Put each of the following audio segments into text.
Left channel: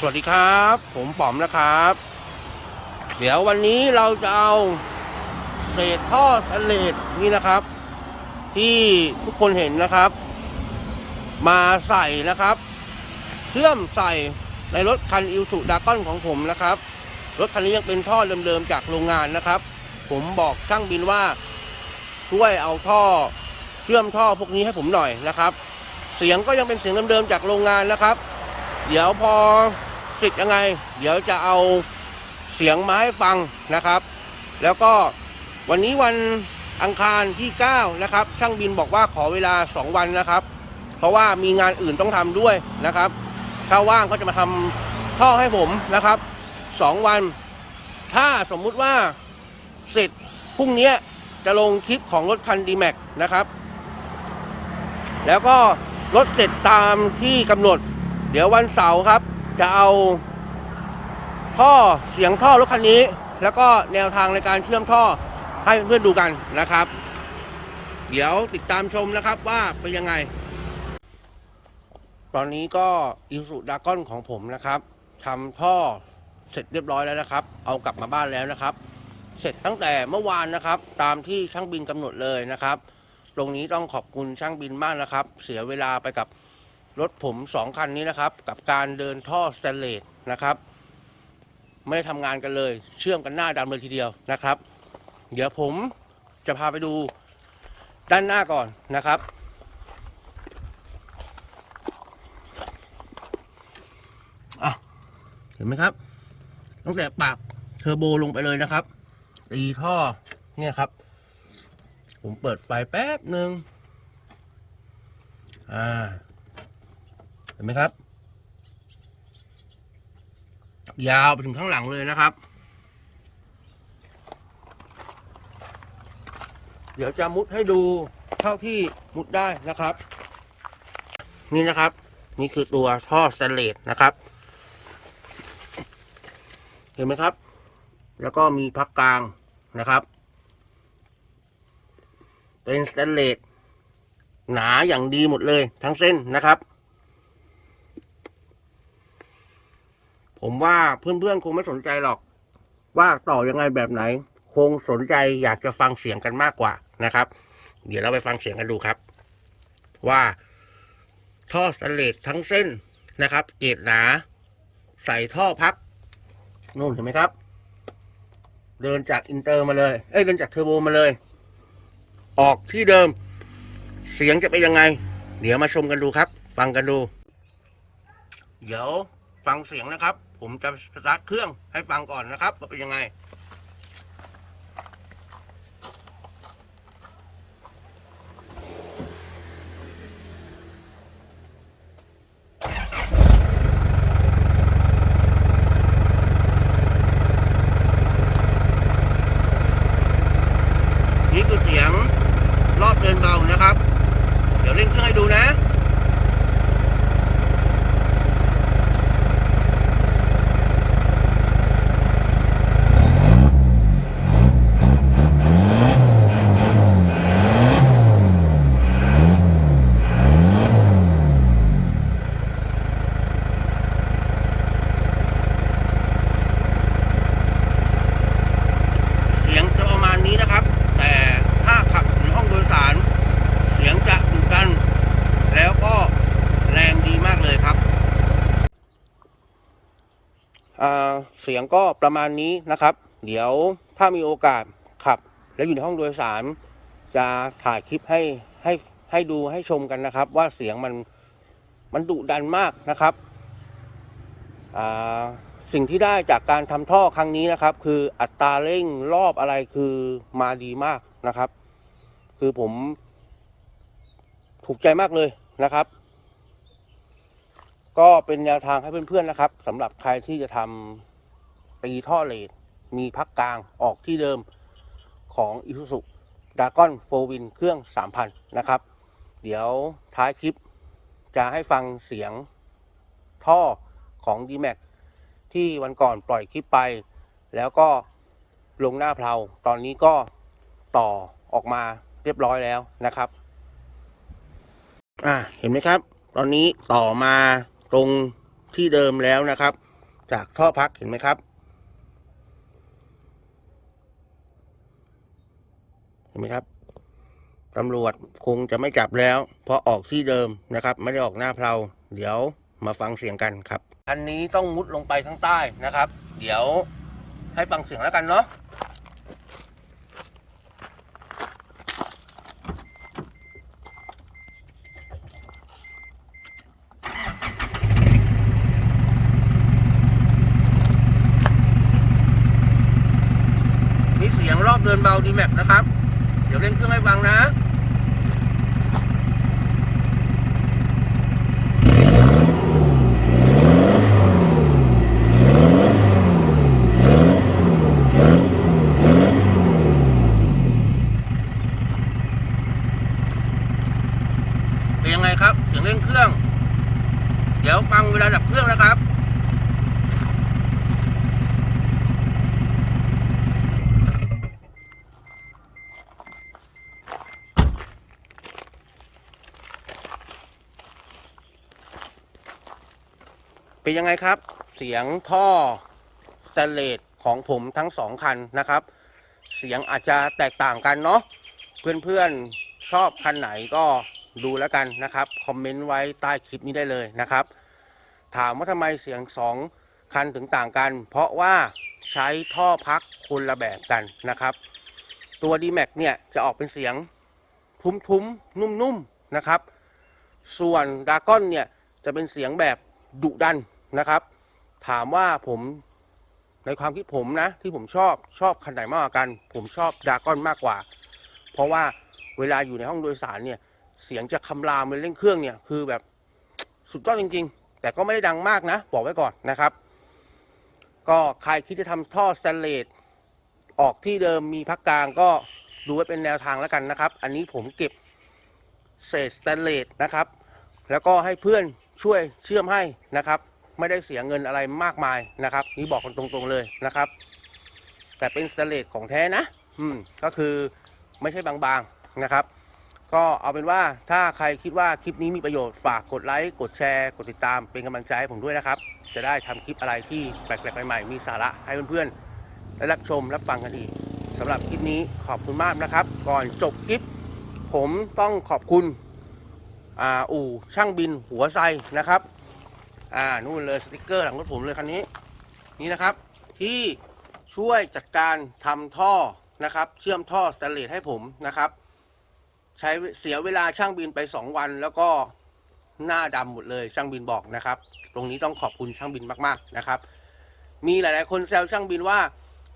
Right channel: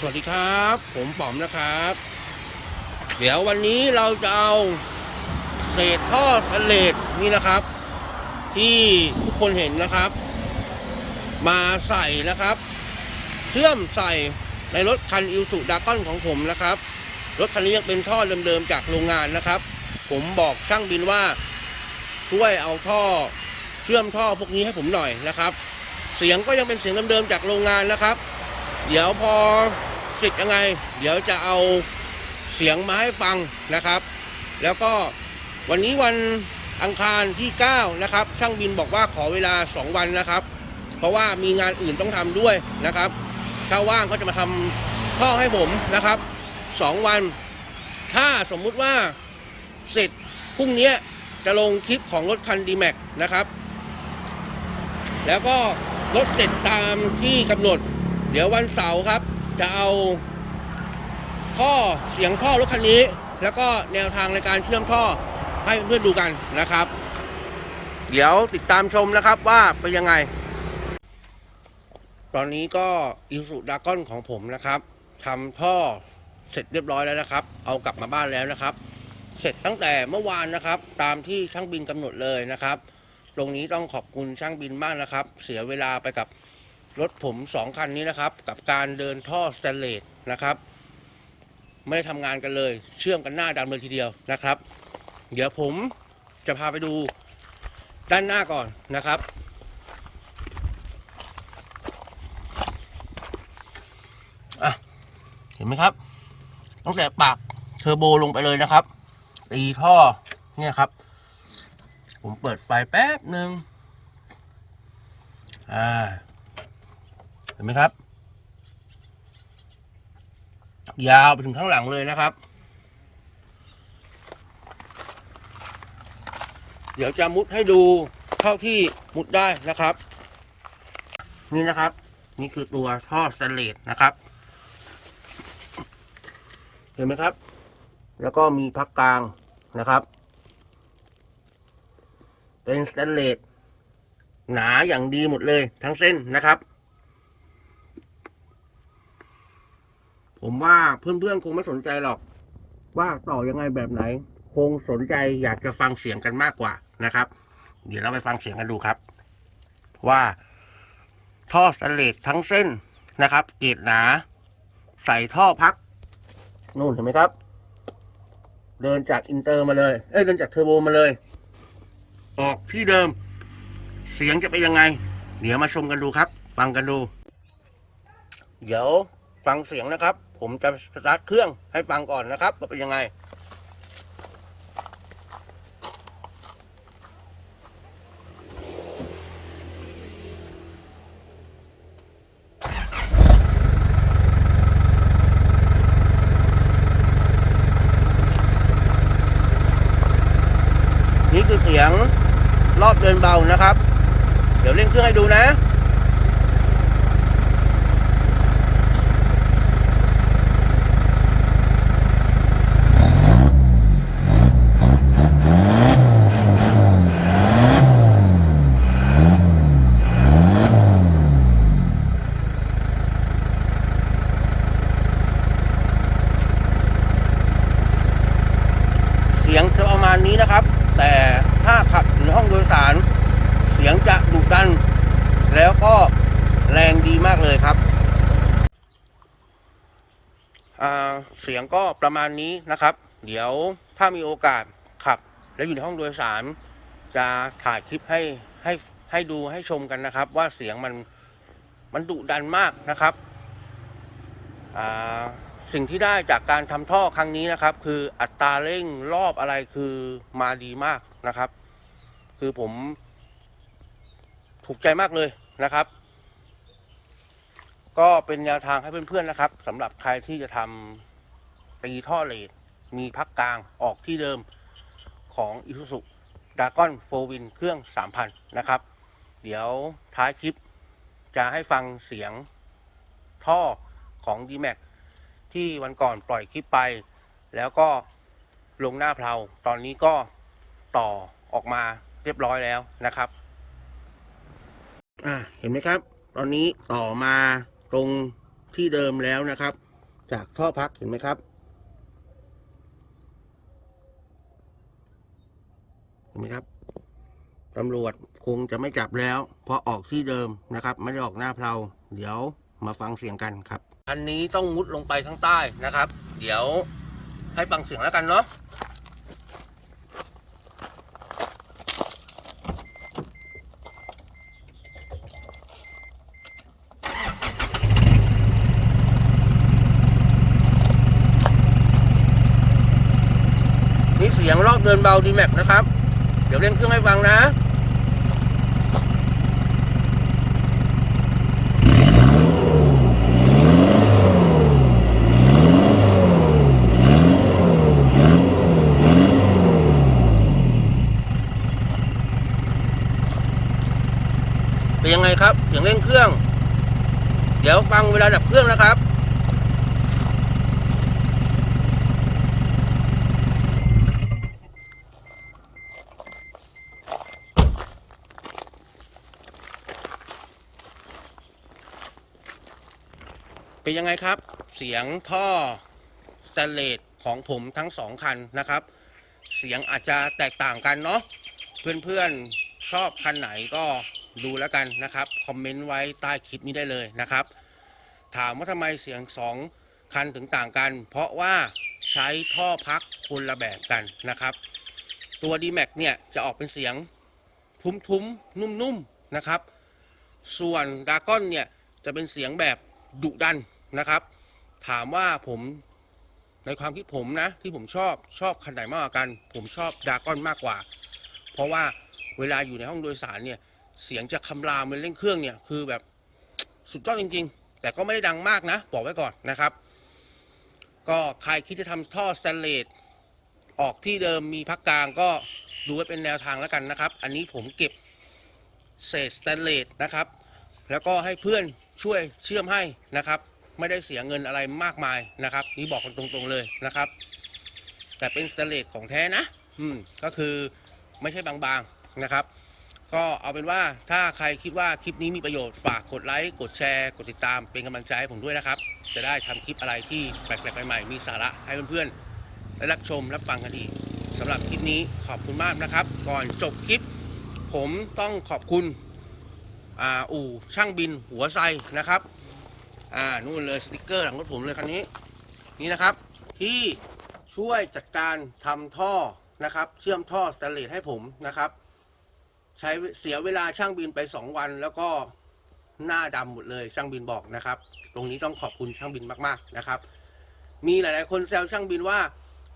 สวัสดีครับ ผมป๋อมนะครับ เดี๋ยววันนี้เราจะเอาเศษท่อสแตนเลสนี่นะครับ ที่ทุกคนเห็นนะครับ มาใส่นะครับ เชื่อมใส่ในรถคันอิวสุดากอนของผมนะครับ รถคันนี้ยังเป็นท่อเดิมๆจากโรงงานนะครับ ผมบอกช่างบินว่าช่วยเอาท่อเชื่อมท่อพวกนี้ให้ผมหน่อยนะครับ เสียงก็ยังเป็นเสียงเดิมๆจากโรงงานนะครับ เดี๋ยวพอเสร็จยังไง เดี๋ยวจะเอาเสียงมาให้ฟังนะครับ แล้วก็วันนี้วันอังคารที่ 9 นะครับ ช่างบินบอกว่าขอเวลา 2 วันนะครับ เพราะว่ามีงานอื่นต้องทำด้วยนะครับ ถ้าว่างก็จะมาทำท่อให้ผมนะครับ 2 วัน ถ้าสมมุติว่าเสร็จพรุ่งนี้จะลงคลิปของรถคัน d m a x นะครับ แล้วก็รถเสร็จตามที่กำหนด ดี๋ยววันเสาร์ครับ จะเอาท่อเสียงท่อรถคันนี้ แล้วก็แนวทางในการเชื่อมท่อให้เพื่อนๆดูกันนะครับ เดี๋ยวติดตามชมนะครับว่าเป็นยังไง ตอนนี้ก็อิสุดากอนของผมนะครับทำท่อเสร็จเรียบร้อยแล้วนะครับ เอากลับมาบ้านแล้วนะครับ เสร็จตั้งแต่เมื่อวานนะครับ ตามที่ช่างบินกำหนดเลยนะครับ ตรงนี้ต้องขอบคุณช่างบินมากนะครับ เสียเวลาไปกับ รถผมสองคันนี้นะครับ กับการเดินท่อสแตนเลสนะครับ ไม่ได้ทำงานกันเลย เชื่อมกันหน้าดำเลยทีเดียวนะครับ เดี๋ยวผมจะพาไปดูด้านหน้าก่อนนะครับ อะ เห็นไหมครับตั้งแต่ปากเทอร์โบลงไปเลยนะครับตีท่อเนี่ยครับ ผมเปิดไฟแป๊บหนึ่งอ่า เห็นไหมครับ ยาวไปถึงข้างหลังเลยนะครับ เดี๋ยวจะมุดให้ดูเท่าที่มุดได้นะครับ นี่นะครับ นี่คือตัวท่อสแตนเลสนะครับ เห็นไหมครับ แล้วก็มีพักกลางนะครับ เป็นสแตนเลสหนาอย่างดีหมดเลยทั้งเส้นนะครับ ผมว่าเพื่อนๆคงไม่สนใจหรอก ว่าต่อยังไงแบบไหน คงสนใจอยากจะฟังเสียงกันมากกว่านะครับ เดี๋ยวเราไปฟังเสียงกันดูครับ ว่าท่อสแตนเลสทั้งเส้นนะครับ เกรดหนา ใส่ท่อพักนู่นเห็นไหมครับ เดินจากอินเตอร์มาเลย เอ้ยเดินจากเทอร์โบมาเลย ออกที่เดิม เสียงจะเป็นยังไง เดี๋ยวมาชมกันดูครับ ฟังกันดู เดี๋ยว ฟังเสียงนะครับ ผมจะสตาร์ทเครื่องให้ฟังก่อนนะครับว่าเป็นยังไง นี่คือเสียงรอบเดินเบานะครับ เดี๋ยวเร่งเครื่องให้ดูนะ เสียงจะประมาณนี้นะครับ แต่ถ้าขับในห้องโดยสาร เสียงจะดุดัน แล้วก็แรงดีมาก เลยครับเสียงก็ประมาณนี้นะครับ เดี๋ยวถ้ามีโอกาสขับ แล้วอยู่ในห้องโดยสาร จะถ่ายคลิปให้ให้ให้ดูให้ชมกันนะครับ ว่าเสียงมันมันดุดันมากนะครับสิ่งที่ได้จากการทำท่อครั้งนี้นะครับ คืออัตราเร่งรอบอะไรคือมาดีมากนะครับ คือผมถูกใจมากเลยนะครับ ก็เป็นแนวทางให้เพื่อนๆนะครับสำหรับใครที่จะทำตีท่อเลดมีพักกลางออกที่เดิมของ i s u z u d a g o n 4 Win เครื่อง 3,000 นะครับ เดี๋ยวท้ายคลิปจะให้ฟังเสียงท่อของ d m a x ที่วันก่อนปล่อยคลิปไป แล้วก็ลงหน้าเพลาตอนนี้ก็ต่อออกมาเรียบร้อยแล้วนะครับ อ่าเห็นไหมครับ ตอนนี้ต่อมา ตรงที่เดิมแล้วนะครับ จากท่อพักเห็นไหมครับ เห็นไหมครับตำรวจคงจะไม่จับแล้ว เพราะออกที่เดิมนะครับ ไม่ได้ออกหน้าเพลาเดี๋ยวมาฟังเสียงกันครับคันนี้ต้องมุดลงไปข้างใต้นะครับ เดี๋ยวให้ฟังเสียงแล้วกันเนาะนี่ เินเบาดีแม็กนะครับ เดี๋ยวเล่นเครื่องให้ฟังนะเป็นยังไงครับ เสียงเร่งเครื่อง เดี๋ยวฟังเวลาดับเครื่องนะครับ เป็นยังไงครับ เสียงท่อสแตเลสของผมทั้งสองคันนะครับ เสียงอาจจะแตกต่างกันเนาะเพื่อนๆชอบคันไหนก็ดูแล้วกันนะครับ คอมเมนต์ไว้ใต้คลิปนี้ได้เลยนะครับ ถามว่าทำไมเสียงสองคันถึงต่างกัน เพราะว่าใช้ท่อพักคนละแบบกันนะครับ ตัว d m a x เนี่ยจะออกเป็นเสียงทุ้มๆ นุ่มๆนะครับ ส่วนดากอนเนี่ยจะเป็นเสียงแบบดุดัน นะครับ ถามว่าผมในความคิดผมนะ ที่ผมชอบชอบคันไหนมากกว่ากัน ผมชอบดากอนมากกว่า เพราะว่าเวลาอยู่ในห้องโดยสารเนี่ย เสียงจะคำรามเป็นเร่งเครื่องเนี่ยคือแบบสุดยอดจริง ๆ แต่ก็ไม่ได้ดังมากนะ บอกไว้ก่อนนะครับ ก็ใครคิดจะทำท่อสแตนเลสออกที่เดิมมีพักกลางก็ดูไว้เป็นแนวทางแล้วกันนะครับ อันนี้ผมเก็บเศษสแตนเลสนะครับ แล้วก็ให้เพื่อนช่วยเชื่อมให้นะครับ ไม่ได้เสียเงินอะไรมากมายนะครับ นี่บอกกันตรงๆเลยนะครับ แต่เป็นสแตเลสของแท้นะ อืมก็คือไม่ใช่บางๆนะครับ ก็เอาเป็นว่าถ้าใครคิดว่าคลิปนี้มีประโยชน์ฝากกดไลค์กดแชร์กดติดตามเป็นกำลังใจให้ผมด้วยนะครับ จะได้ทำคลิปอะไรที่แปลกๆใหม่ๆมีสาระให้เพื่อนๆได้รับชมรับฟังกันอีกสำหรับคลิปนี้ขอบคุณมากนะครับ ก่อนจบคลิป ผมต้องขอบคุณอ,อู่ช่างบินหัวไซนะครับ อ่านู่นเลยสติกเกอร์หลังรถผมเลยคันนี้ นี่นะครับ ที่ช่วยจัดการทำท่อนะครับ เชื่อมท่อสแตนเลสให้ผมนะครับ ใช้เสียเวลาช่างบินไปสองวัน แล้วก็หน้าดำหมดเลยช่างบินบอกนะครับ ตรงนี้ต้องขอบคุณช่างบินมากๆนะครับ มีหลาย ๆ คนแซวช่างบินว่า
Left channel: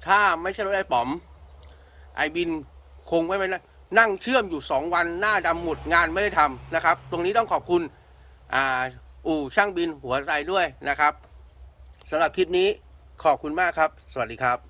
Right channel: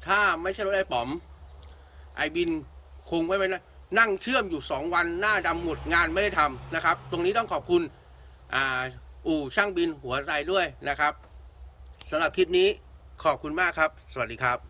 ถ้าไม่ใช่รถไอ้ป๋อม ไอ้บินคงไม่ไปนะนั่งเชื่อมอยู่สองวันหน้าดำหมดงานไม่ได้ทำนะครับ ตรงนี้ต้องขอบคุณอ่า อู่ช่างบินหัวใจด้วยนะครับสำหรับคลิปนี้ขอบคุณมากครับ สวัสดีครับ